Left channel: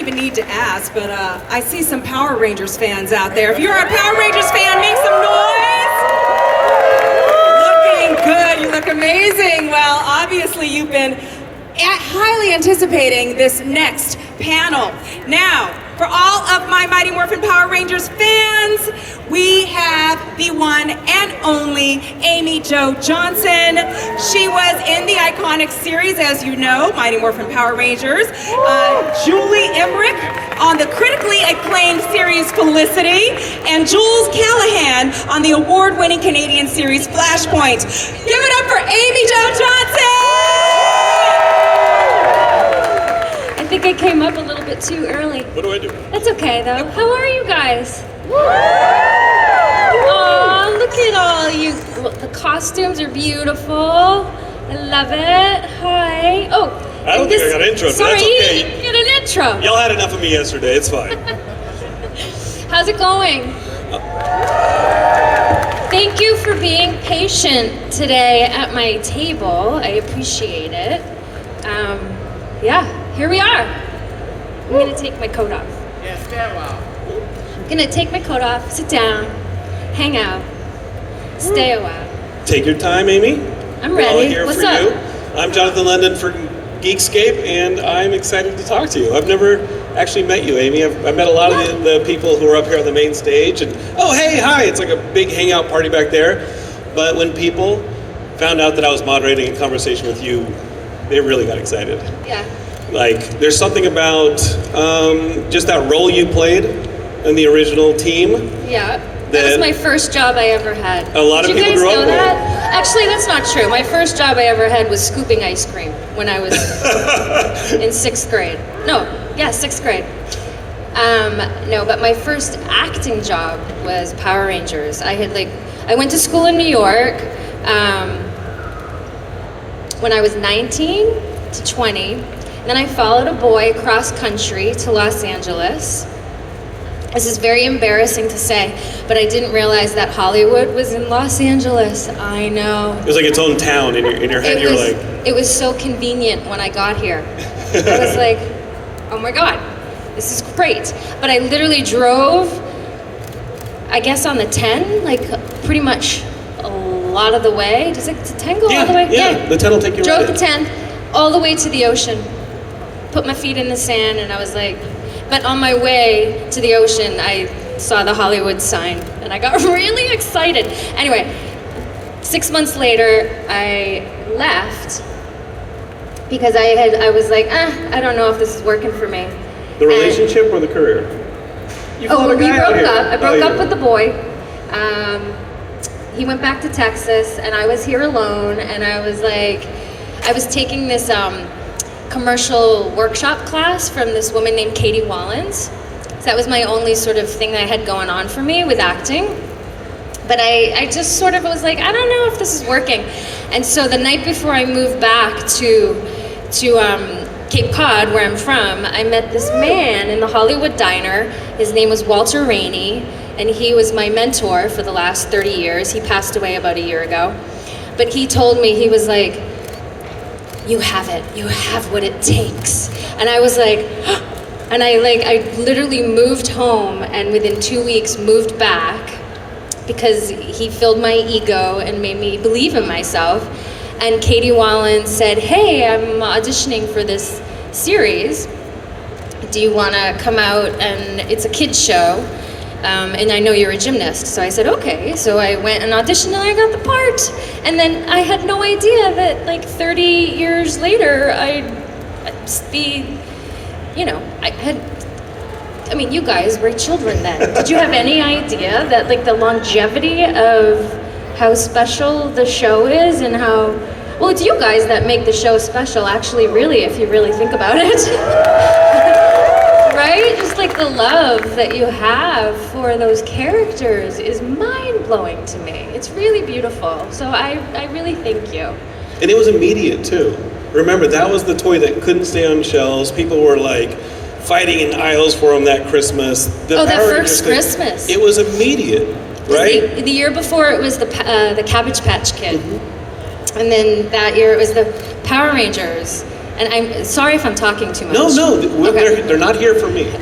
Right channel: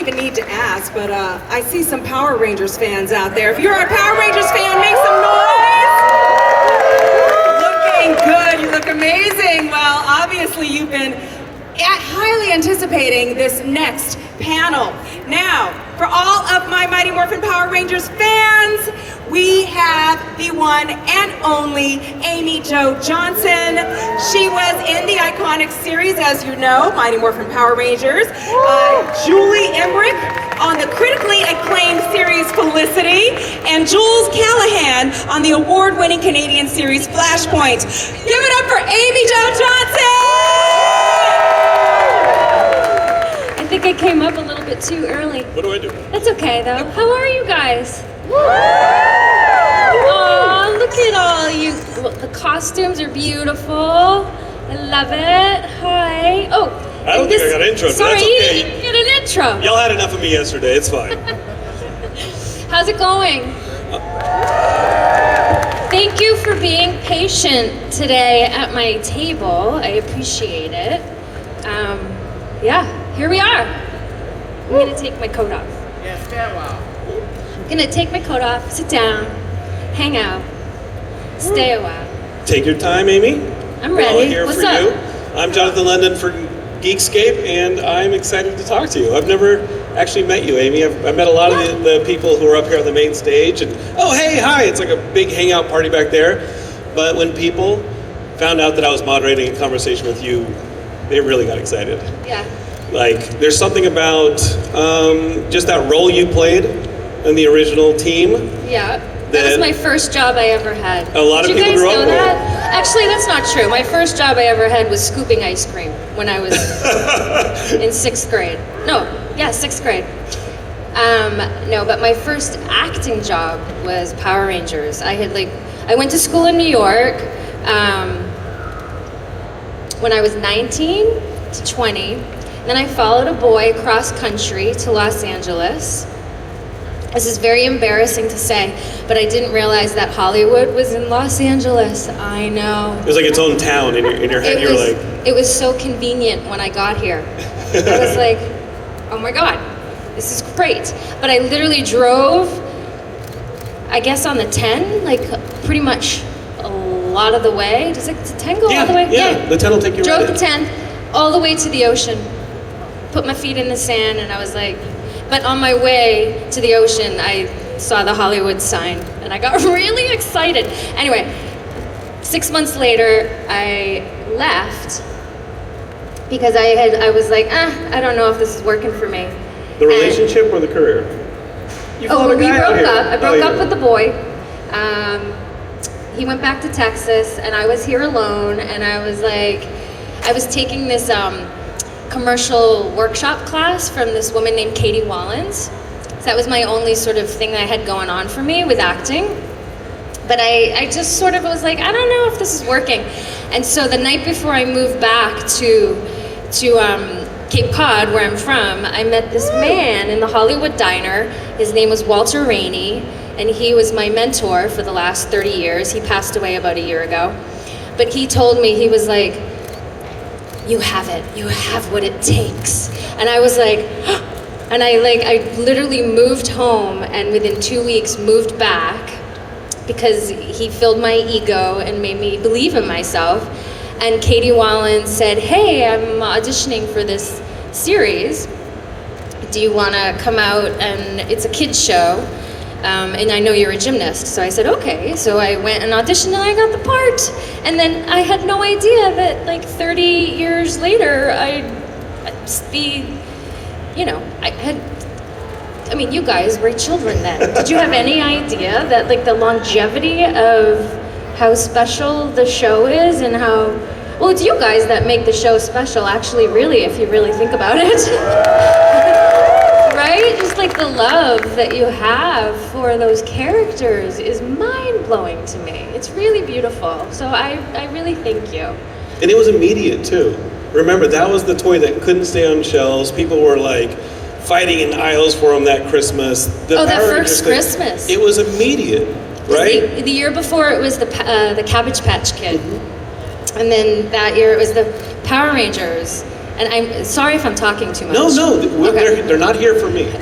Even need to ask, but I see some Power Rangers fans out there. If you're a Power Rangers fan, make some noise. Looking good, you look amazing. Well, obviously you've been highly anticipating this next panel. Now, for all of my Mighty Morphin Power Rangers fans, we have the one and only Amy Jo Johnson. She was in the iconic series, as you know, Mighty Morphin Power Rangers. Julie Emrick on the critically acclaimed series Felicity, and Jules Callaghan on the award-winning Canadian series Flashpoint. Give it up for Amy Jo Johnson! I think I came up a little bit too early. What do I do? That's okay though. How are you guys? Oh, look at all you. The costumes are beautiful. I love it. Hi. Oh. I don't think I got an intro, but sorry, that's you okay. didn't get an intro. Y'all had enough of me yesterday, it's fine. How's it going? Thank you for being patient today at my table. I appreciate it. Yeah, here we are. I'm gonna take my coat off. I'm gonna take my coat off, sit down, hang out, stay a while. Take your time, Amy. I'm ready. Here What's for up? you. I'm Jonathan London for Geekscape, and I'm excited to talk to you. I've never actually met you, Amy. I met a lot of the people who are up here on the main stage, and oh, hey, hi, it's like a big hangout party back there. But when people found out that I was moderating a conversation with you, they really got excited. Yeah. Like, there's something about just that role you played in the original team. Yeah. That was my first job I ever had. A lot of people grew up with it. Actually, that's not true. My first job I ever had was scooping ice cream when I was in 6th grade. No, yeah, 6th grade. No, but my first acting job was Power Rangers. I went to school in New York when I was 19 to 20. Then I followed a boy cross country to Los Angeles. This is very embarrassing to say, but I didn't realize that Hollywood was in Los Angeles. I know. It was like its own town in your head. It was so convenient when I got here. I was like, oh my God, this is great. But I literally drove, I guess on the 10, like pretty much a lot of the way. Does the 10 go all the way? Yeah, the 10 will take you Drove right the 10 all the way to the ocean. Put my feet in the sand and I was like, but on my way to the ocean, I saw the Hollywood sign and I got really excited. Anyway, 6 months later, I left because I was like, I don't know if this is working for me. The relationship or the career? We broke up. I broke up with the boy. He went back to Texas and I was here alone and I was like, I was taking this commercial workshop class from this woman named Katie Wallens. So that was my only sort of thing that I had going on for me with acting. But I just sort of was like, I don't know if this is working. And so the night before I moved back to Cape Cod, where I'm from, I met this man in the Hollywood Diner. His name was Walter Rainey, and he was my mentor for the last 30 years. He passed away about a year ago. But he told me, he was like, you have it, you have what it takes. And I was like, and I literally moved home and within 2 weeks moved back because he filled my ego and made me believe in myself. And Katie Wallen said, hey, I'm auditioning for this series. Do you wanna come out? And it's a kid's show. And I know you're a gymnast. So I said, okay. So I went and auditioned and I got the part. And then I had no idea that like 30 years later, I'd be, I mean, you guys were children then. Did you have any idea that like the longevity of how special the show is and how, well, it's you guys that make the show special actually, really, if you really think about it. Right? Just like the love that you have for those characters is mind-blowing to me. It's really beautiful. So I really thank you. And it was immediate too. Remember, that was the toy that couldn't stay on shelves. People were like fighting in aisles for them that Christmas. That first Christmas. It was immediate, right? The year before it was the Cabbage Patch Kid. And then that year it was the Power Rangers. And I'm sorry if I'm talking too much. No, Okay. they're not here for me.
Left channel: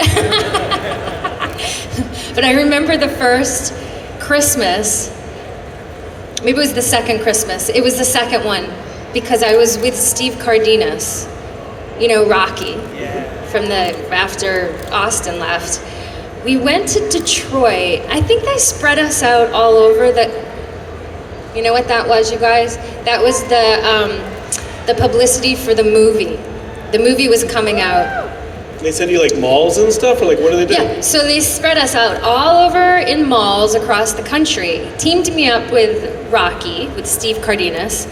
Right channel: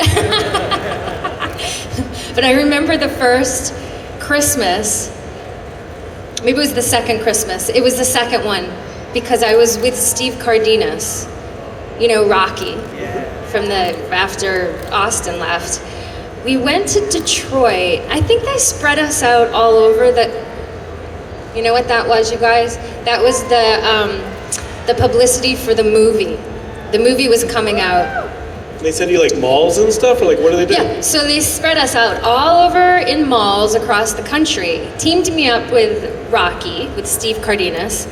But I remember the first Christmas, maybe it was the second Christmas, it was the second one, because I was with Steve Cardenas, you know, Rocky, after Austin left. We went to Detroit. I think they spread us out all over you know what that was, you guys? That was the publicity for the movie. The movie was coming out. They send you like malls and stuff, or like what do they do? Yeah, so they spread us out all over in malls across the country, teamed me up with Rocky, with Steve Cardenas,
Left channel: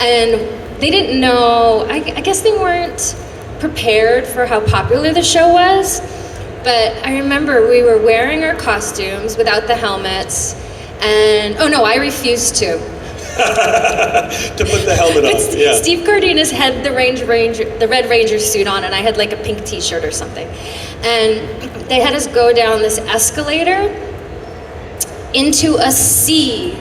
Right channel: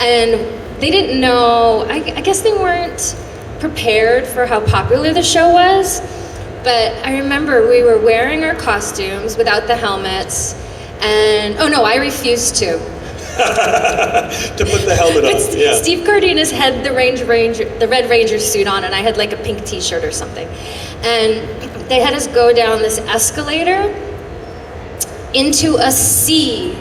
and they didn't know, I guess they weren't prepared for how popular the show was, but I remember we were wearing our costumes without the helmets, and, oh no, I refused to. To put the helmet on. Yeah. Steve Cardenas had the Red Ranger suit on, and I had like a pink t-shirt or something. And they had us go down this escalator into a sea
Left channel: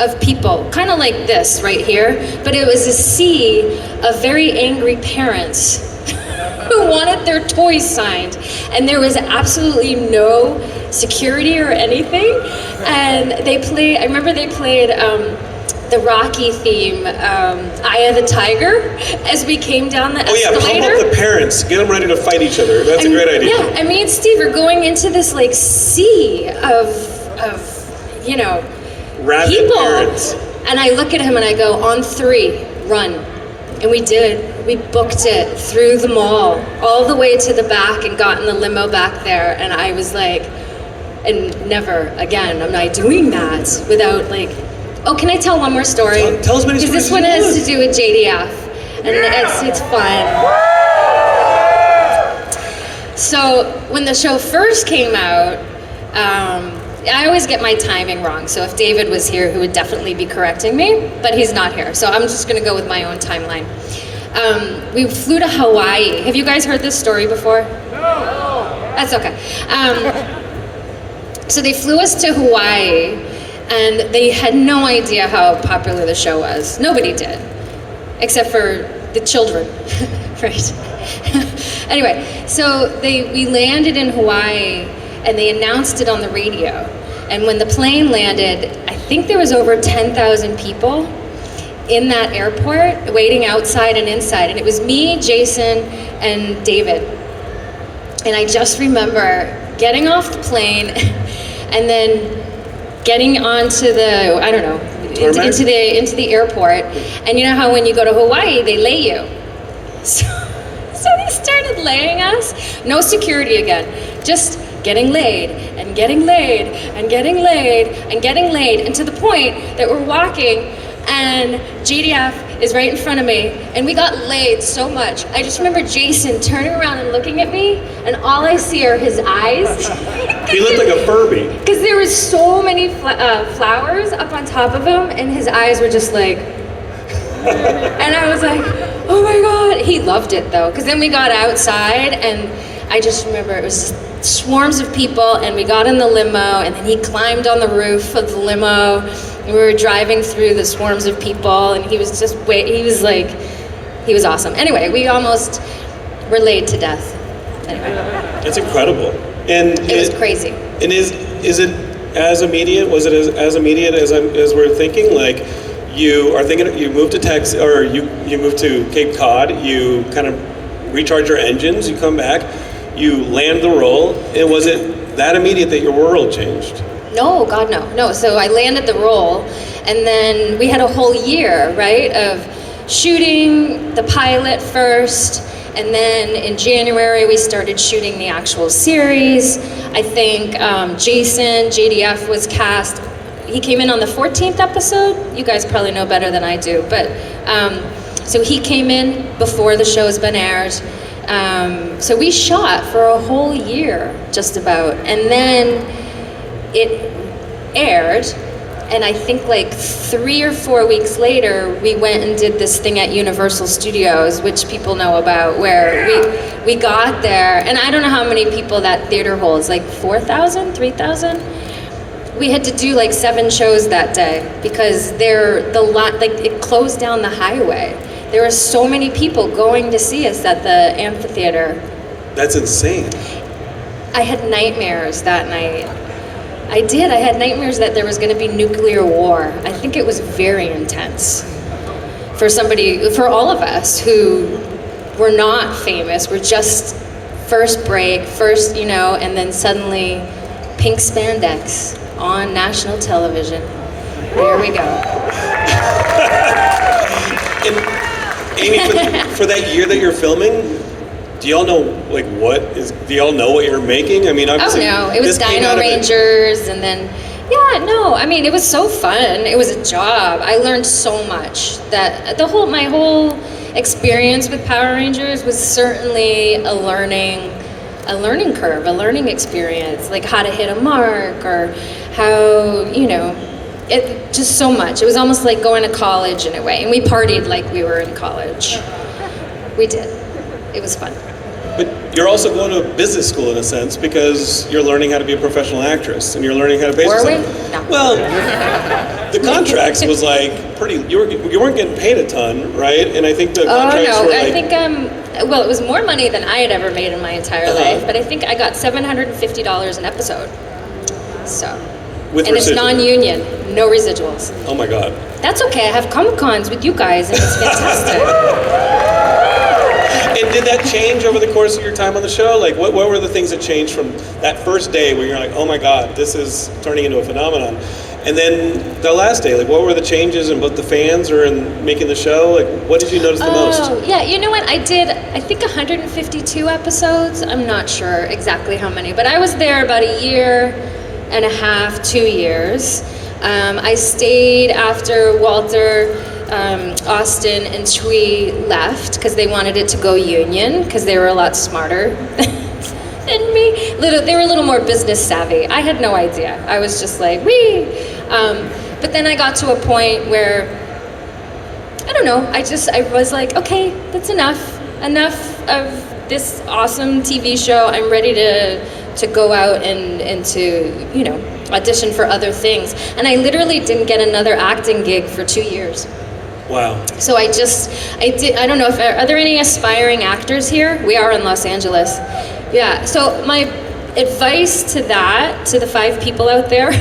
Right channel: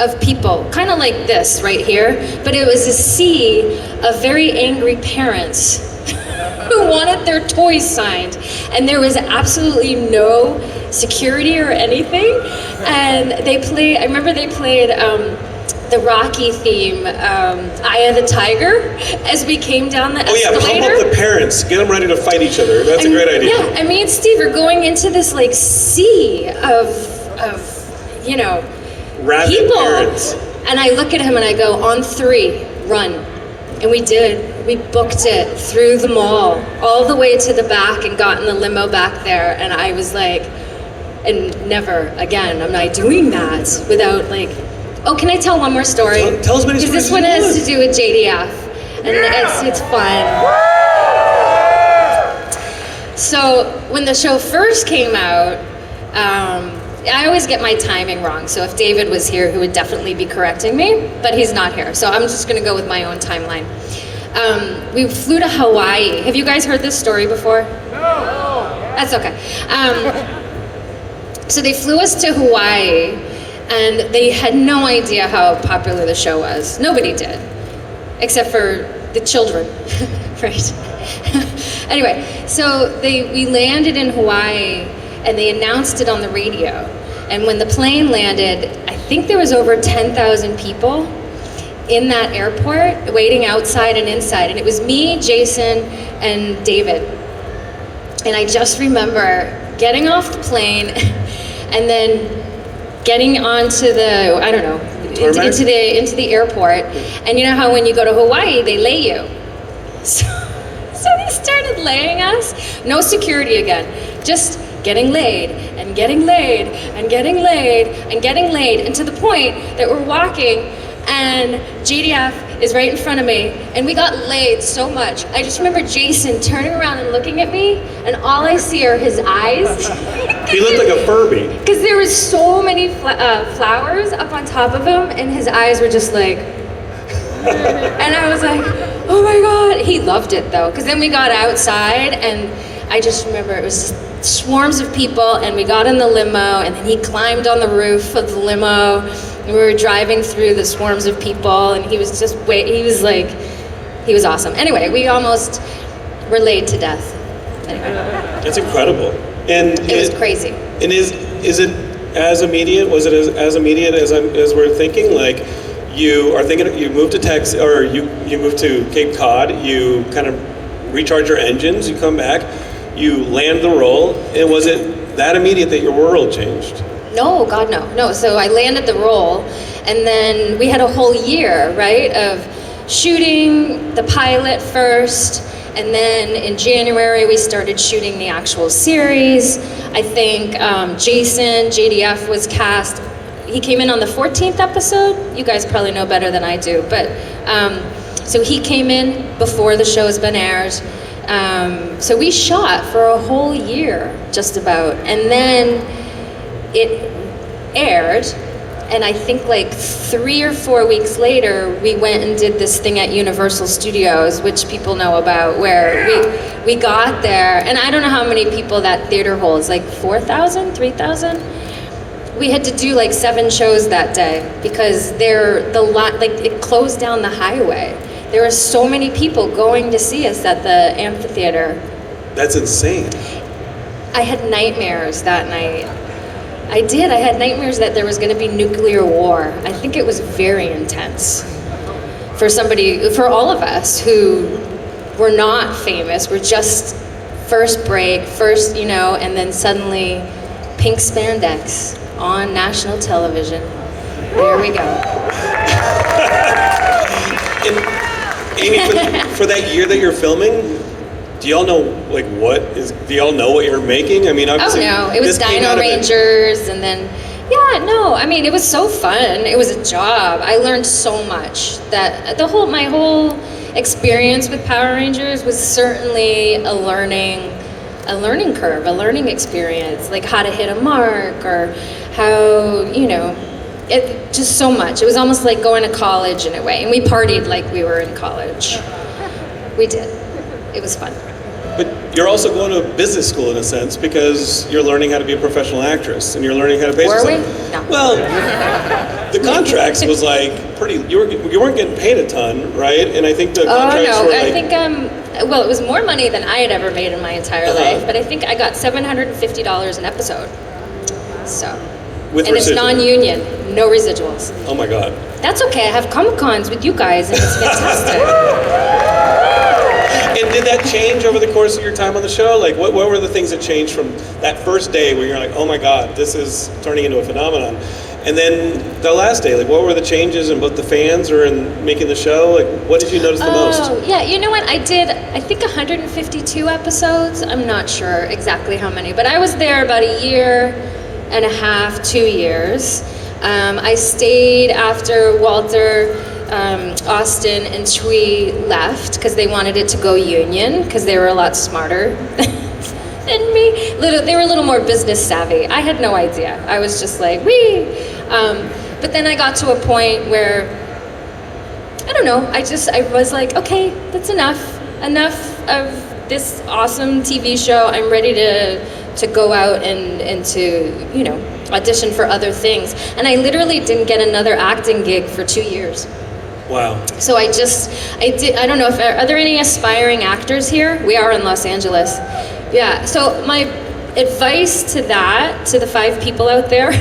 of people, kind of like this right here, but it was a sea of very angry parents who wanted their toys signed, and there was absolutely no security or anything. And I remember they played the Rocky theme, Eye of the Tiger, as we came down the escalator. Oh yeah, pump up the parents, get them ready to fight each other. That's a great idea. Yeah, and me and Steve are going into this like sea of you know, Rabid people. parents. And I look at him and I go, on 3, run. And we did. We booked it through the mall, all the way to the back, and got in the limo back there. And I was like, and never again am I doing that without like, oh, can I tell one more story? Tell us what Because this one has to do with JDF, and it's fun. So when the show first came out, I always get my timing wrong. So if David was here, he would definitely be correcting me, but he's not here. So I'm just going to go with my own timeline. We flew to Hawaii. Have you guys heard this story before? No. That's okay. So they flew us to Hawaii, and they had no idea how popular the show was. Nobody did, except for the children, right? Anyway, so we landed in Hawaii, and they announced it on the radio. And when the plane landed, I think there was over 10,000 people in that airport waiting outside and inside. And it was me, Jason, and David. And I just remember getting off the plane and then getting onto the, I don't know, into the airport. And you know how when you go to Hawaii, they lay you. So they started laying us. No security again, just getting laid and getting laid and getting laid and getting laid, and to the point that we're walking and JDF is right in front of me, and we got laid so much. I just remember Jason turning around and looking at me, and all I see are his eyes. He looked like a Furby. Because there was so many flowers up on top of him, and his eyes were just like, and I was like, oh my God. He loved it though, because then we got outside, and I just remember it was just swarms of people, and we got in the limo, and then he climbed on the roof of the limo, and we were driving through the swarms of people, and he was awesome. Anyway, we almost were laid to death. Anyway. That's incredible. And it was crazy. And is it as immediate? Was it as immediate as we're thinking? Like, you are thinking, you moved to Texas, or you moved to Cape Cod, you kind of recharge your engines, you come back, you land the role, and was it that immediate that your world changed? No, God, no. No, so I landed the role, and then we had a whole year, right, of shooting the pilot first, and then in January we started shooting the actual series. I think Jason, JDF, was cast. He came in on the 14th episode. You guys probably know better than I do, but so he came in before the show's been aired. So we shot for a whole year, just about, and then it aired, and I think like 3 or 4 weeks later, we went and did this thing at Universal Studios, which people know about, where we got there, and I don't know how many people that theater holds, like 4,000, 3,000? We had to do like 7 shows that day, because it closed down the highway. There were so many people going to see us at the amphitheater. That's insane. I had nightmares that night. I did. I had nightmares that there was going to be nuclear war. I think it was very intense for all of us who were not famous. We're just first break, and then suddenly pink spandex on national television. There we go. And Amy, for that year that you're filming, do y'all know do y'all know what you're making? I mean, obviously, no, it was Dino Rangers, and then it was so fun. It was a job. I learned so much. That my whole experience with Power Rangers was certainly a learning curve, a learning experience, like how to hit a mark or how, it just so much. It was almost like going to college in a way, and we partied like we were in college. We did. It was fun. But you're also going to business school in a sense because you're learning how to be a professional actress and you're learning how to basically. Were we? No. Well, the contracts was like pretty. You weren't getting paid a ton, right? And I think the contracts were like. I think it was more money than I had ever made in my entire life, but I think I got $750 an episode. So. With and residuals. It's non-union, no residuals. Oh my God. That's okay. I have Comicons with you guys, and it's fantastic. And did that change over the course of your time on the show? Like, what were the things that changed from that first day where you're like, oh my God, this is turning into a phenomenon? And then the last day, like, what were the changes in both the fans or in making the show? Like, what did you notice the most? Oh, yeah, you know what? I think 152 episodes. I'm not sure exactly how many, but I was there about a year and a half, 2 years. I stayed after Walter, Austin, and Shui left because they wanted it to go union because they were a lot smarter than me. They were a little more business savvy. I had no idea. I was just like, wee! But then I got to a point where, I don't know, I was like, okay, that's enough. Enough of this awesome TV show. I'm ready to go out and to, audition for other things. And I literally didn't get another acting gig for 2 years. Wow. So I don't know, are there any aspiring actors here? We are in Los Angeles. Yeah, so my advice to the 5 people out there,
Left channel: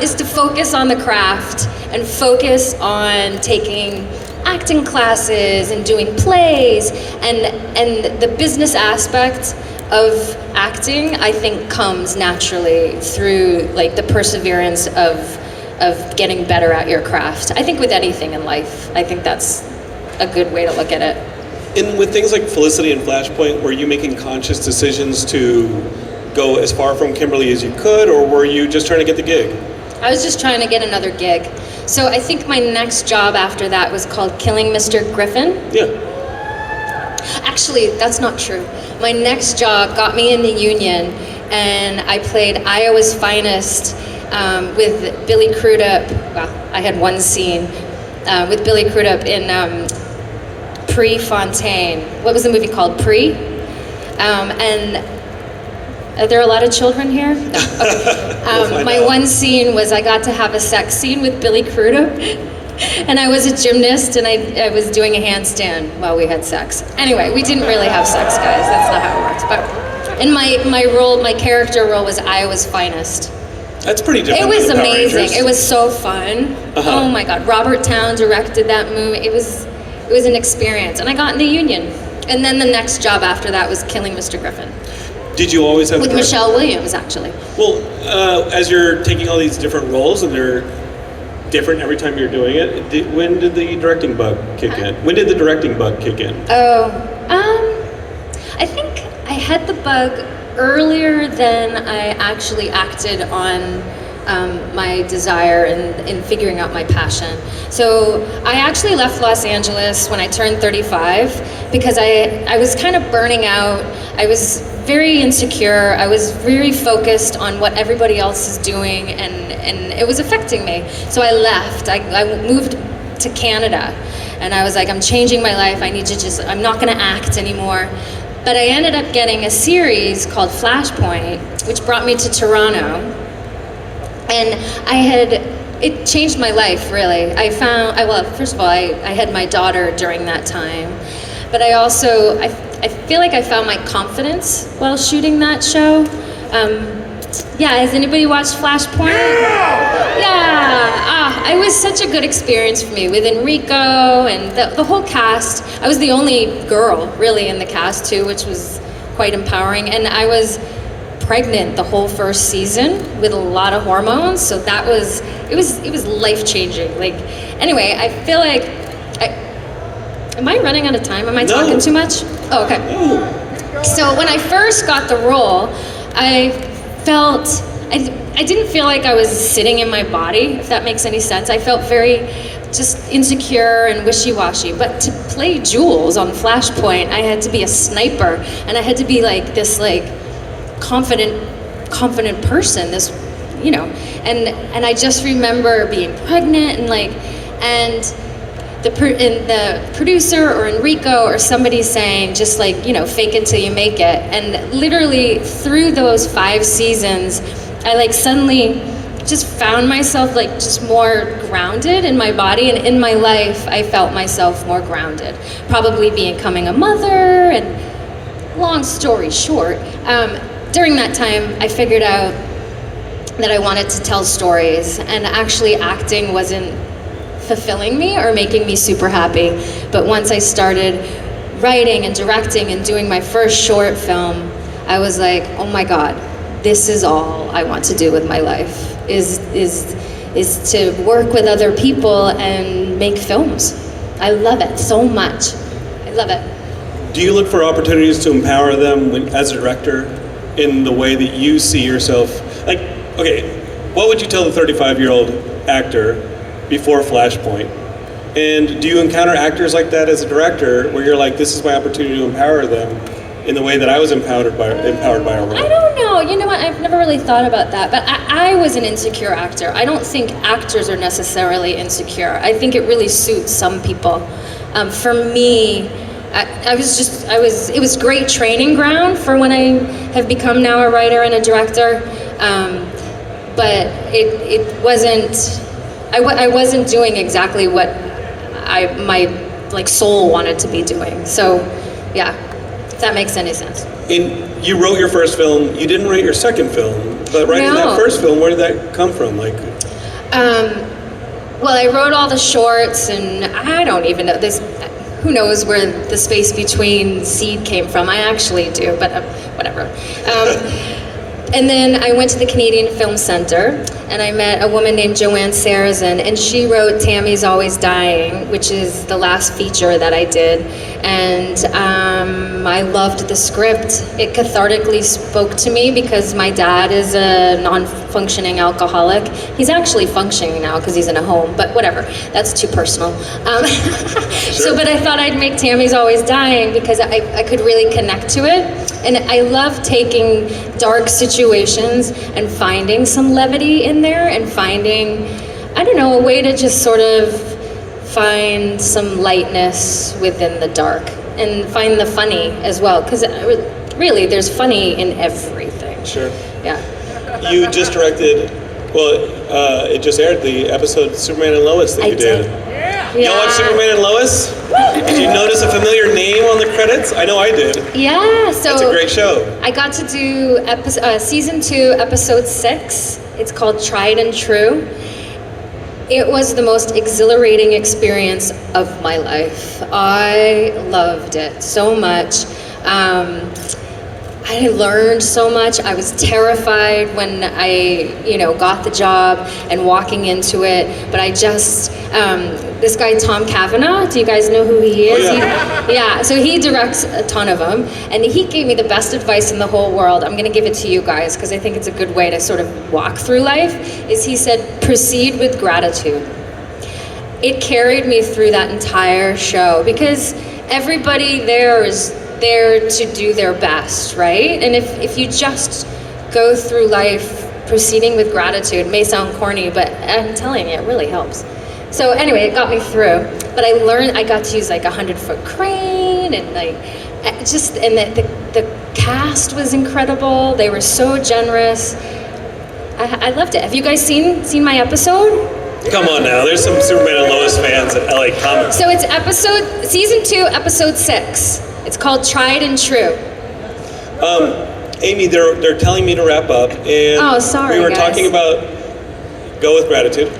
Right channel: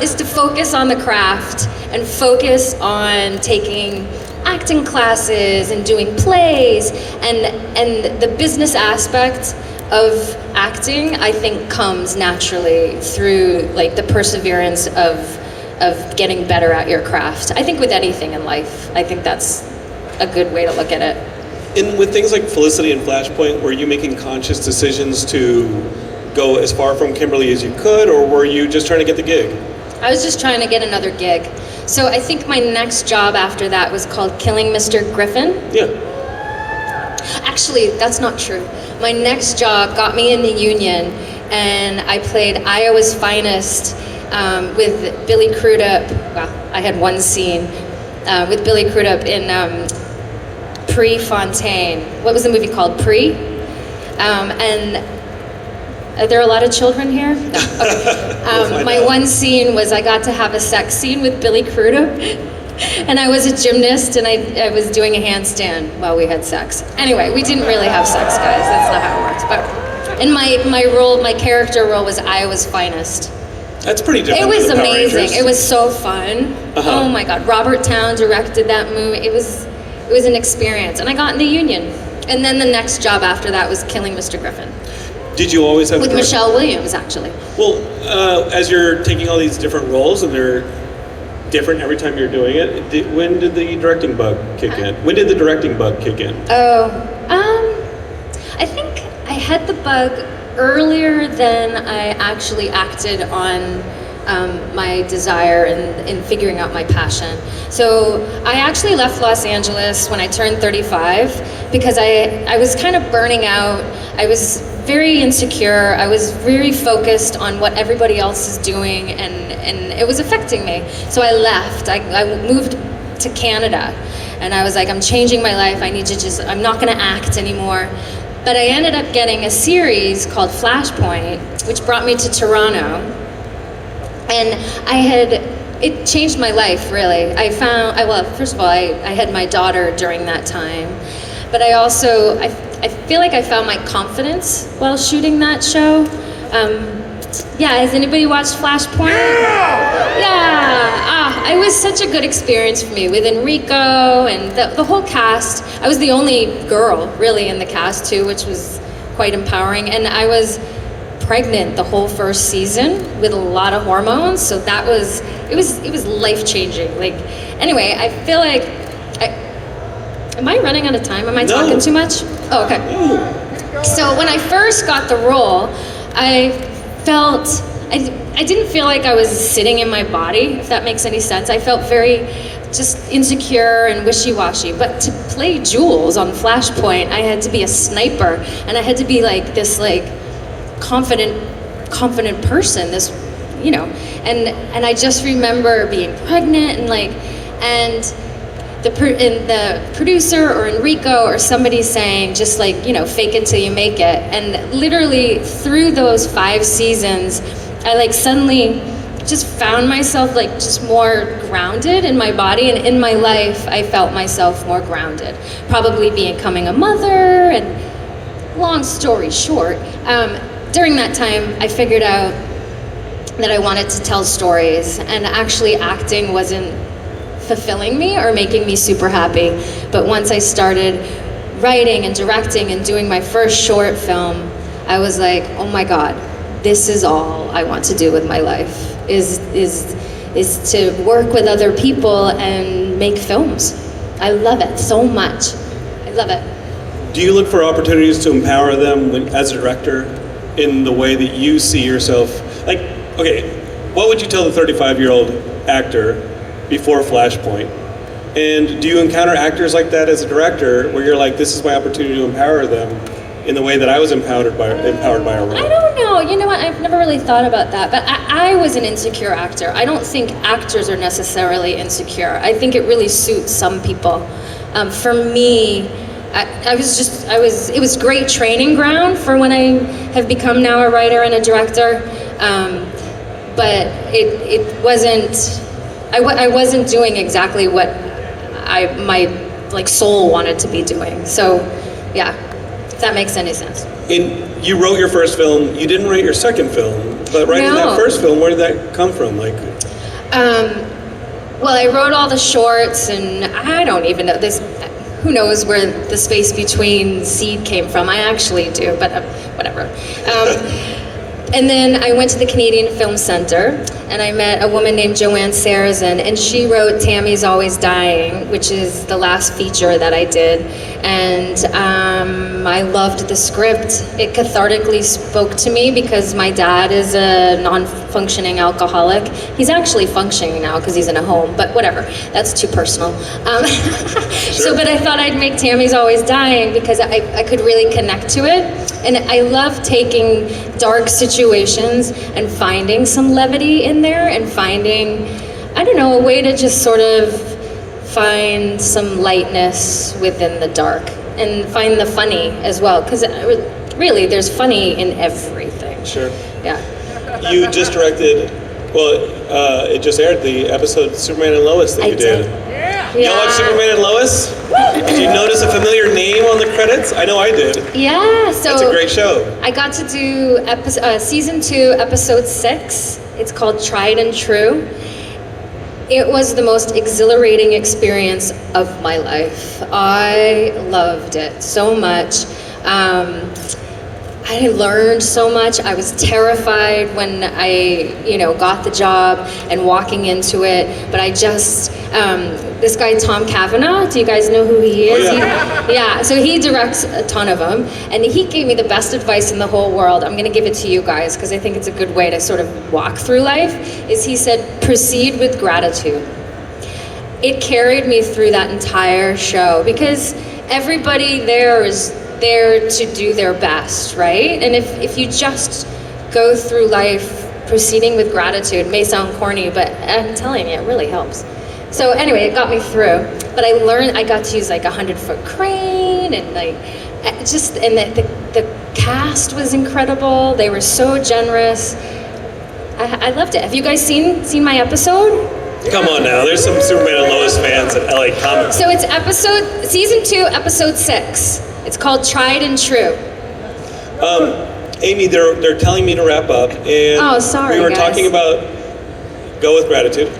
is to focus on the craft and focus on taking acting classes and doing plays, and the business aspect of acting, I think, comes naturally through like the perseverance of getting better at your craft. I think with anything in life, I think that's a good way to look at it. And with things like Felicity and Flashpoint, were you making conscious decisions to go as far from Kimberly as you could, or were you just trying to get the gig? I was just trying to get another gig. So I think my next job after that was called Killing Mr. Griffin. Yeah. Actually, that's not true. My next job got me in the union, and I played Iowa's Finest with Billy Crudup. Well, I had one scene with Billy Crudup in Prefontaine. What was the movie called? And are there a lot of children here? No. Okay. My one scene was I got to have a sex scene with Billy Crudup, and I was a gymnast, and I was doing a handstand while we had sex. Anyway, we didn't really have sex, guys. That's not how it works. But in my character role was Iowa's Finest. That's pretty different. It was amazing. It was so fun. Uh-huh. Oh my God, Robert Towne directed that movie. It was an experience, and I got in the union. And then the next job after that was Killing Mr. Griffin. Did you always have with Michelle Williams, actually? Well, as you're taking all these different roles, and they're different every time you're doing it, when did the directing bug kick in? When did the directing bug kick in? I think I had the bug earlier than I actually acted on my desire and figuring out my passion. So I actually left Los Angeles when I turned 35 because I was kind of burning out. I was very insecure. I was very focused on what everybody else is doing, and it was affecting me. So I left. I moved to Canada, and I was like, I'm changing my life. I'm not gonna act anymore. But I ended up getting a series called Flashpoint, which brought me to Toronto. And I had it changed my life, really. Well, first of all, I had my daughter during that time, but I also, I feel like I found my confidence while shooting that show. Yeah, has anybody watched Flashpoint? Yeah, it was such a good experience for me with Enrico and the whole cast. I was the only girl, really, in the cast, too, which was quite empowering. And I was pregnant the whole first season with a lot of hormones, so that was, it was life-changing. Like, anyway, I feel like, am I running out of time? Am I talking too much? Oh, okay. So when I first got the role, I didn't feel like I was sitting in my body, if that makes any sense. I felt very just insecure and wishy-washy. But to play Jules on Flashpoint, I had to be a sniper, and I had to be like this confident person, this, you know, and I just remember being pregnant and the producer or Enrico or somebody saying, just like, you know, fake it till you make it. And literally through those 5 seasons, I suddenly just found myself just more grounded in my body, and in my life I felt myself more grounded. Probably becoming a mother, and long story short, during that time I figured out that I wanted to tell stories, and actually acting wasn't fulfilling me or making me super happy. But once I started writing and directing and doing my first short film, I was like, oh my God, this is all I want to do with my life, is to work with other people and make films. I love it so much. I love it. Do you look for opportunities to empower them as a director in the way that you see yourself? Like, okay, what would you tell the 35-year-old actor before Flashpoint? And do you encounter actors like that as a director, where you're like, this is my opportunity to empower them in the way that I was empowered by our role? I don't know. You know what? I've never really thought about that. But I was an insecure actor. I don't think actors are necessarily insecure. I think it really suits some people. For me, it was great training ground for when I have become now a writer and a director. But it wasn't. I wasn't doing exactly what my soul wanted to be doing. So, yeah, if that makes any sense. And you wrote your first film. You didn't write your second film, but writing that first film, where did that come from? Well, I wrote all the shorts, and I don't even know this. Who knows where the space between seed came from? I actually do, but whatever. And then I went to the Canadian Film Centre, and I met a woman named Joanne Sarrazin, and she wrote Tammy's Always Dying, which is the last feature that I did. And I loved the script. It cathartically spoke to me because my dad is a non-functioning alcoholic. He's actually functioning now because he's in a home, but whatever. That's too personal. Sure. But I thought I'd make Tammy's Always Dying because I could really connect to it. And I love taking dark situations and finding some levity in there, and finding, I don't know, a way to just sort of find some lightness within the dark and find the funny as well, because really there's funny in everything. Sure. Yeah. You just directed, it just aired, the episode Superman and Lois that you did. Yeah. You watched Superman and Lois? Did you notice a familiar name on the credits? I know I did. Yeah, so it's a great show. I got to do season 2, episode 6. It's called Tried and True. It was the most exhilarating experience of my life. I loved it so much. I learned so much. I was terrified when I, got the job and walking into it. But I just, this guy Tom Cavanaugh, do you guys know who he is? Oh, yeah. So he directs a ton of them, and he gave me the best advice in the whole world. I'm gonna give it to you guys because I think it's a good way to sort of walk through life, is he said, proceed with gratitude. It carried me through that entire show because everybody there is there to do their best, right? And if you just go through life proceeding with gratitude, it may sound corny, but I'm telling you, it really helps. So anyway, it got me through. But I got to use a 100-foot crane, and the cast was incredible. They were so generous. I loved it. Have you guys seen my episode? Come on now, there's some Superman and Lois fans at LA Comics. So it's season 2, episode 6. It's called Tried and True. Amy, they're telling me to wrap up, and Oh, sorry, we were guys. talking about go with gratitude.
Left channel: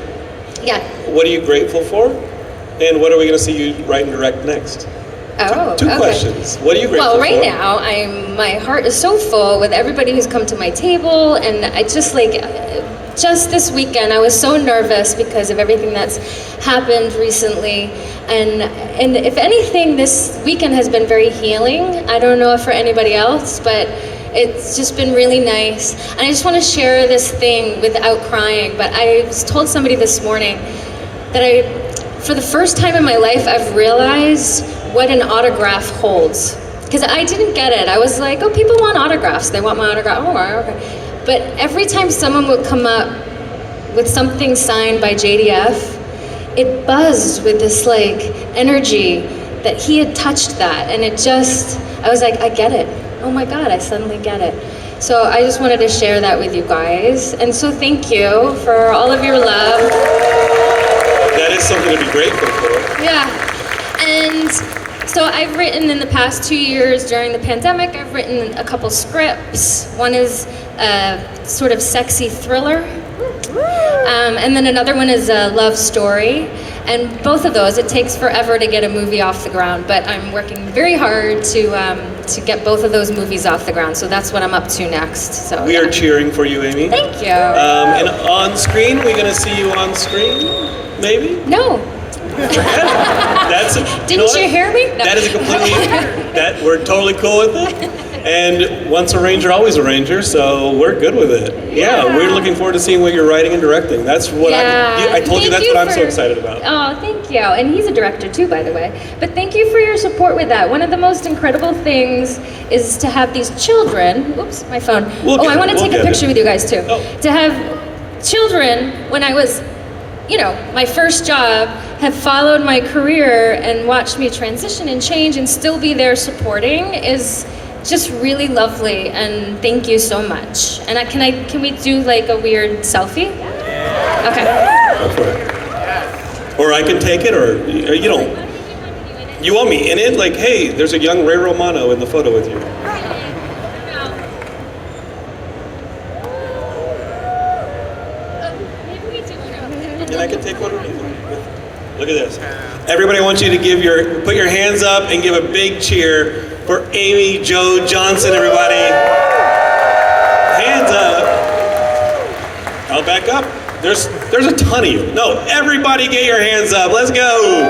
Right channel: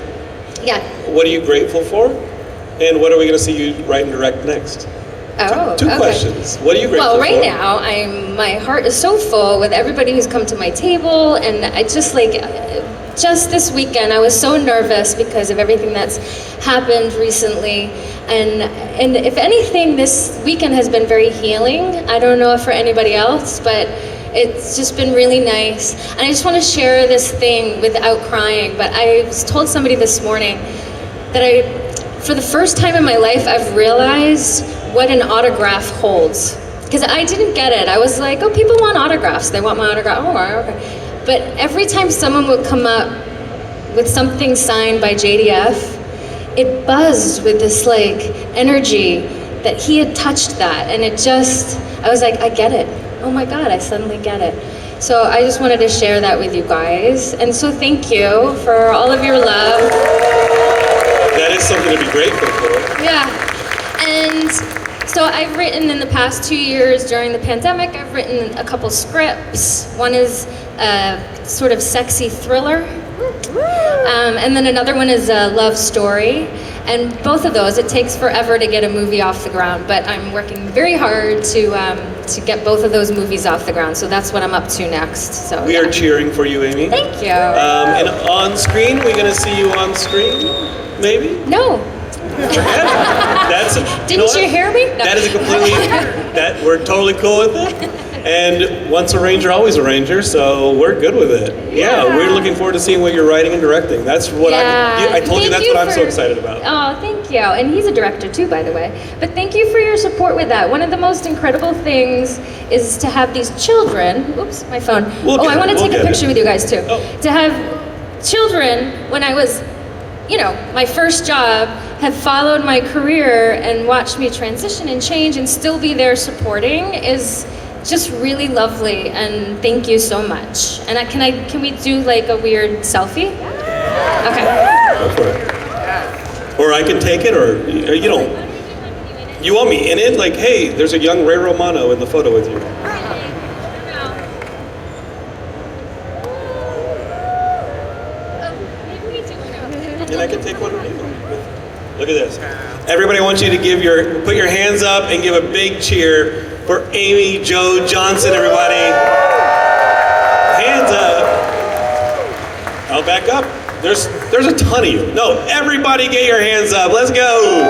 Yeah. What are you grateful for? And what are we going to see you write and direct next? Oh, Two okay. questions. What are you grateful Well, right for? now, my heart is so full with everybody who's come to my table, and I just just this weekend, I was so nervous because of everything that's happened recently, and if anything, this weekend has been very healing. I don't know if for anybody else, but it's just been really nice. And I just want to share this thing without crying, but I told somebody this morning that for the first time in my life, I've realized what an autograph holds. Because I didn't get it. I was like, oh, people want autographs. They want my autograph. Oh, okay. But every time someone would come up with something signed by JDF, it buzzed with this energy that he had touched that. And I was like, I get it. Oh my God, I suddenly get it. So I just wanted to share that with you guys. And so thank you for all of your love. That is something to be grateful for. Yeah. And so I've written in the past 2 years during the pandemic, I've written a couple scripts. One is a sort of sexy thriller. And then another one is a love story. And both of those, it takes forever to get a movie off the ground, but I'm working very hard to get both of those movies off the ground. So that's what I'm up to next. So We are cheering for you, Amy. Thank you. And on screen, we're going to see you on screen, maybe? No. Didn't you hear me? No. That is a completely, we're totally cool with it. And once a Ranger, always a Ranger, so we're good with it. Yeah, we're looking forward to seeing what you're writing and directing. That's what I told you, that's what I'm so excited about. Oh, thank you. And he's a director too, by the way. But thank you for your support with that. One of the most incredible things is to have these children, oops, my phone. I want to take a picture with you guys too. Oh. To have children when I was, my first job, have followed my career and watched me transition and change and still be there supporting is just really lovely, and thank you so much. And can we do a weird selfie? Okay. Go for it. Or I can take it, or you want me in it? Hey, there's a young Ray Romano in the photo with you. And I can take one with you. Look at this. Everybody, I want you to put your hands up and give a big cheer for Amy Jo Johnson, everybody. Hands up. I'll back up. There's a ton of you. No, everybody get your hands up. Let's go.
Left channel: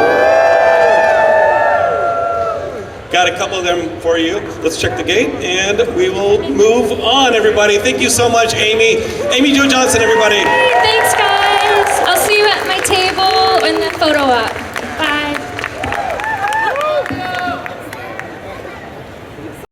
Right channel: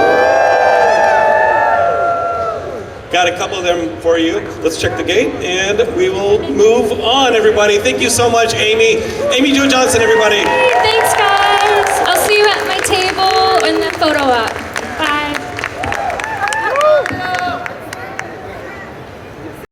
Got a couple of them for you. Let's check the gate and we will move on, everybody. Thank you so much, Amy. Amy Jo Johnson, everybody.